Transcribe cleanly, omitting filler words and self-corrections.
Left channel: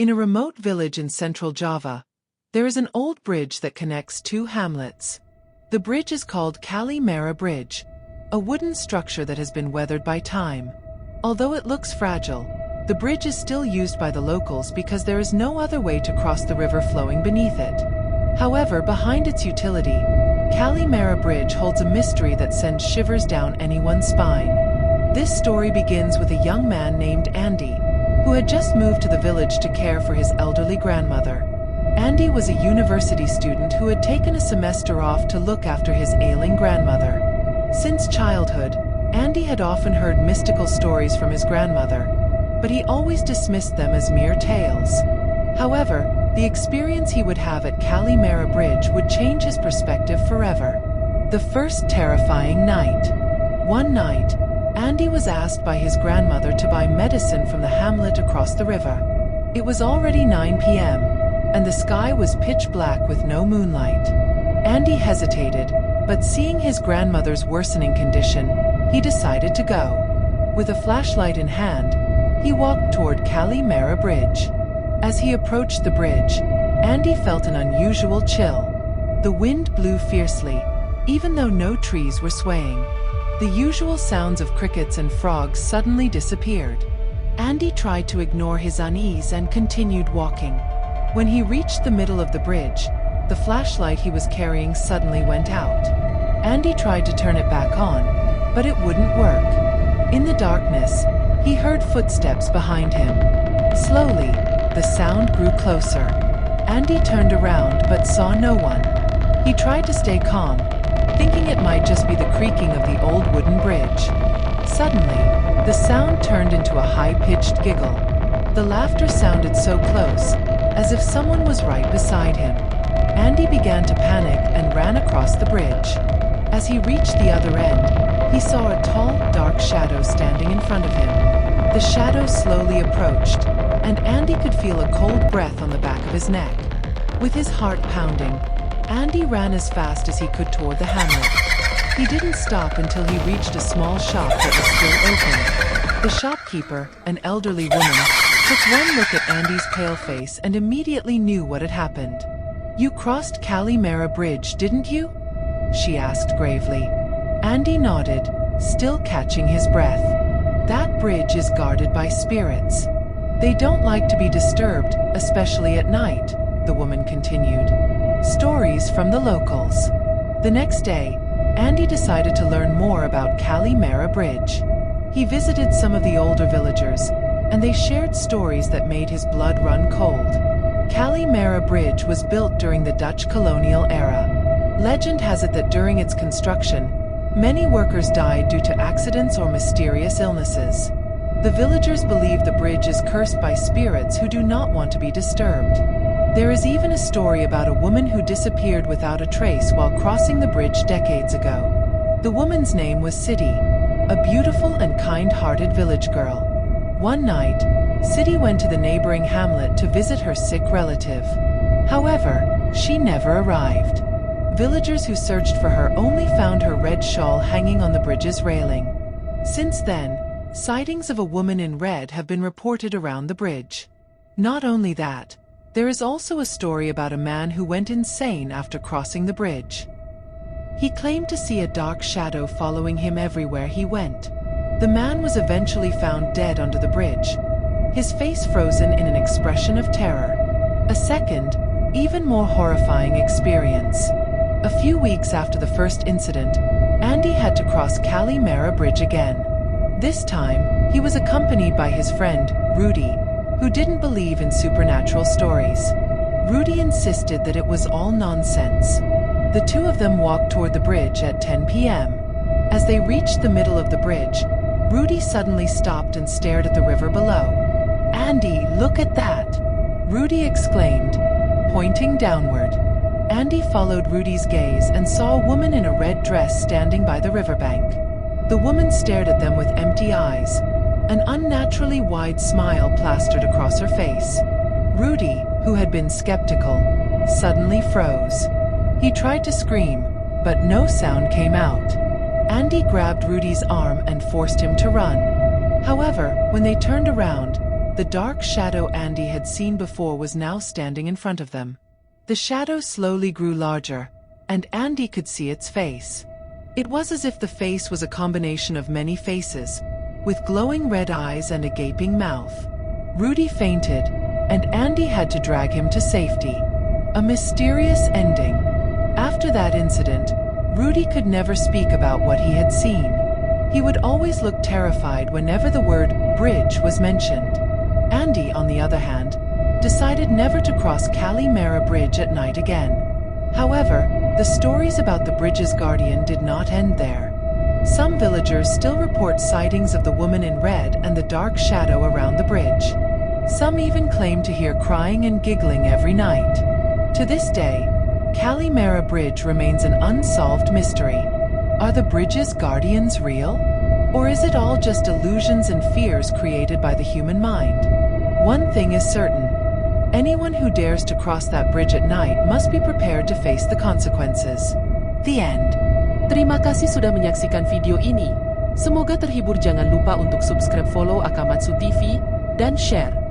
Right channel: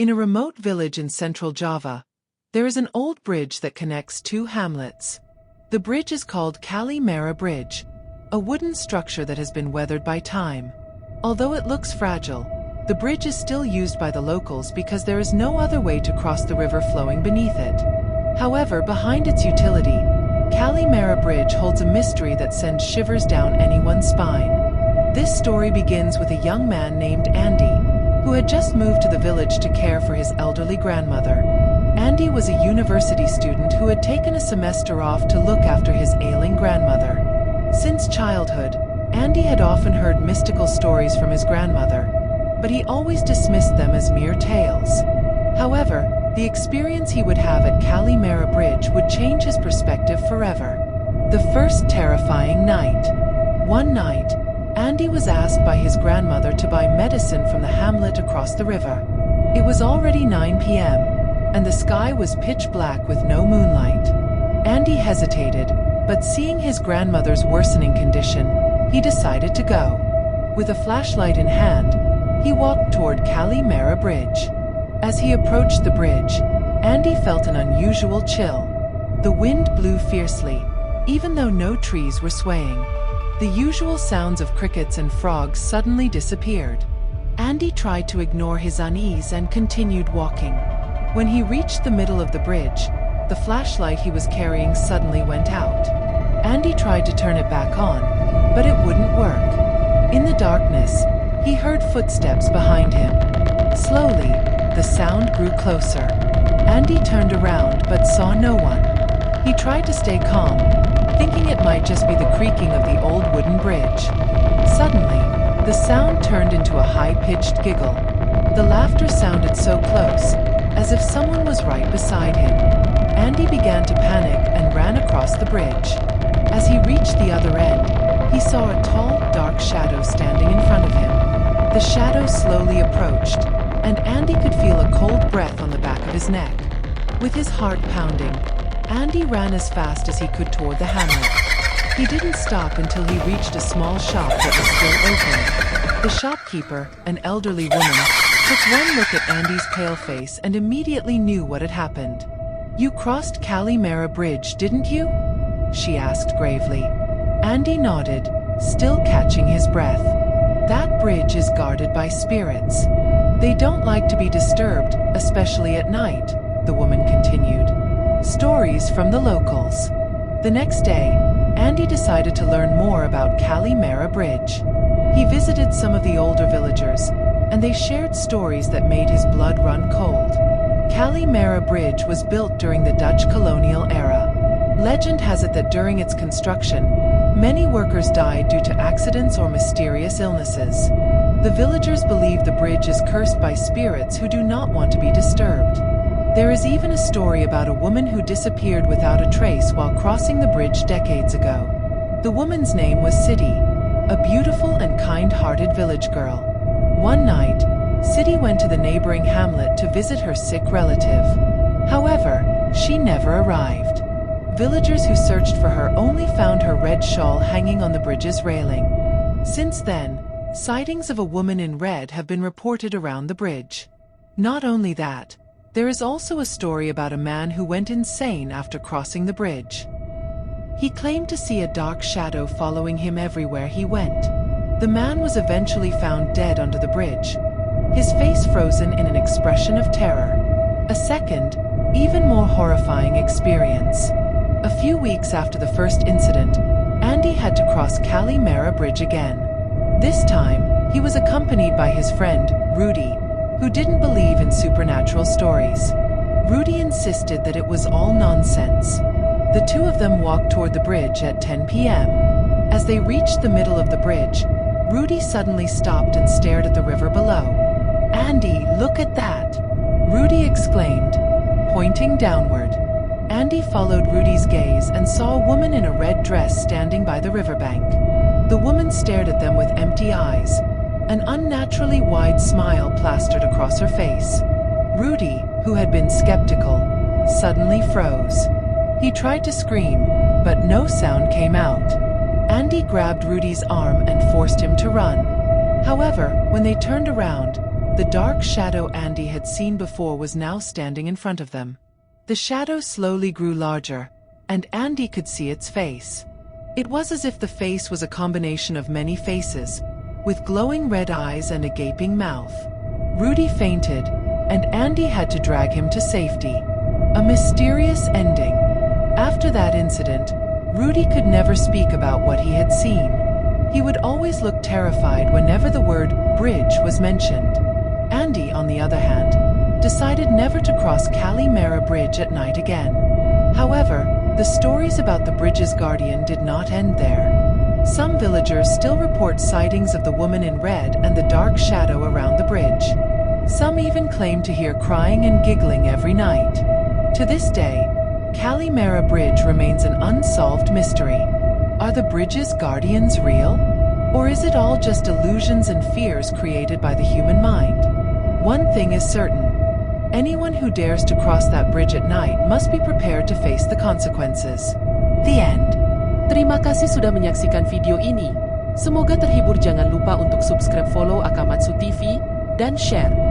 In a remote village in central Java, there is an old bridge that connects two hamlets. The bridge is called Kali Merah Bridge, a wooden structure that has been weathered by time. Although it looks fragile, the bridge is still used by the locals because there is no other way to cross the river flowing beneath it. However, behind its utility, Kali Merah Bridge holds a mystery that sends shivers down anyone's spine. This story begins with a young man named Andy, who had just moved to the village to care for his elderly grandmother. Andy was a university student who had taken a semester off to look after his ailing grandmother. Since childhood, Andy had often heard mystical stories from his grandmother, but he always dismissed them as mere tales. However, the experience he would have at Kali Merah Bridge would change his perspective forever. The first terrifying night. One night, Andy was asked by his grandmother to buy medicine from the hamlet across the river. It was already 9 p.m., and the sky was pitch black with no moonlight. Andy hesitated, but seeing his grandmother's worsening condition, he decided to go. With a flashlight in hand, he walked toward Kali Merah Bridge. As he approached the bridge, Andy felt an unusual chill. The wind blew fiercely, even though no trees were swaying. The usual sounds of crickets and frogs suddenly disappeared. Andy tried to ignore his unease and continued walking. When he reached the middle of the bridge, the flashlight he was carrying suddenly went out. Andy tried to turn it back on, but it wouldn't work. In the darkness, he heard footsteps behind him. Slowly, the sound grew closer. Andy turned around but saw no one. He tried to stay calm, thinking it might just be the creaking of the old wooden bridge. Suddenly, the sound turned into a high-pitched giggle. The laughter sounded so close, as if someone was right beside him. Andy began to panic and ran across the bridge. As he reached the other end, he saw a tall, dark shadow standing in front of him. The shadow slowly approached, and Andy could feel a cold breath on the back of his neck. With his heart pounding, Andy ran as fast as he could toward the hamlet. He didn't stop until he reached a small shop that was still open. The shopkeeper, an elderly woman, took one look at Andy's pale face and immediately knew what had happened. "You crossed Kali Merah Bridge, didn't you?" she asked gravely. Andy nodded, still catching his breath. "That bridge is guarded by spirits. They don't like to be disturbed, especially at night," the woman continued. Stories from the locals. The next day, Andy decided to learn more about Kali Merah Bridge. He visited some of the older villagers, and they shared stories that made his blood run cold. Kali Merah Bridge was built during the Dutch colonial era. Legend has it that during its construction, many workers died due to accidents or mysterious illnesses. The villagers believe the bridge is cursed by spirits who do not want to be disturbed. There is even a story about a woman who disappeared without a trace while crossing the bridge decades ago. The woman's name was Sidi, a beautiful and kind-hearted village girl. One night, Sidi went to the neighboring hamlet to visit her sick relative. However, she never arrived. Villagers who searched for her only found her red shawl hanging on the bridge's railing. Since then, sightings of a woman in red have been reported around the bridge. Not only that, there is also a story about a man who went insane after crossing the bridge. He claimed to see a dark shadow following him everywhere he went. The man was eventually found dead under the bridge, his face frozen in an expression of terror. A second, even more horrifying experience. A few weeks after the first incident, Andy had to cross Kali Merah Bridge again. This time, he was accompanied by his friend, Rudy, who didn't believe in supernatural stories. Rudy insisted that it was all nonsense. The two of them walked toward the bridge at 10 p.m. As they reached the middle of the bridge, Rudy suddenly stopped and stared at the river below. "Andy, look at that!" Rudy exclaimed, pointing downward. Andy followed Rudy's gaze and saw a woman in a red dress standing by the riverbank. The woman stared at them with empty eyes, an unnaturally wide smile plastered across her face. Rudy, who had been skeptical, suddenly froze. He tried to scream, but no sound came out. Andy grabbed Rudy's arm and forced him to run. However, when they turned around, The dark shadow Andy had seen before was now standing in front of them. The shadow slowly grew larger, and Andy could see its face. It was as if the face was a combination of many faces, with glowing red eyes and a gaping mouth. Rudy fainted, and Andy had to drag him to safety. A mysterious ending. After that incident, Rudy could never speak about what he had seen. He would always look terrified whenever the word bridge was mentioned. Andy, on the other hand, decided never to cross Kali Merah Bridge at night again. However, the stories about the bridge's guardian did not end there. Some villagers still report sightings of the woman in red and the dark shadow around the bridge. Some even claim to hear crying and giggling every night. To this day, Kali Merah Bridge remains an unsolved mystery. Are the bridge's guardians real? Or is it all just illusions and fears created by the human mind? One thing is certain. Anyone who dares to cross that bridge at night must be prepared to face the consequences. The end. Terima kasih sudah menyaksikan video ini. Semoga terhibur. Jangan lupa untuk subscribe, follow Akamatsu TV, dan share.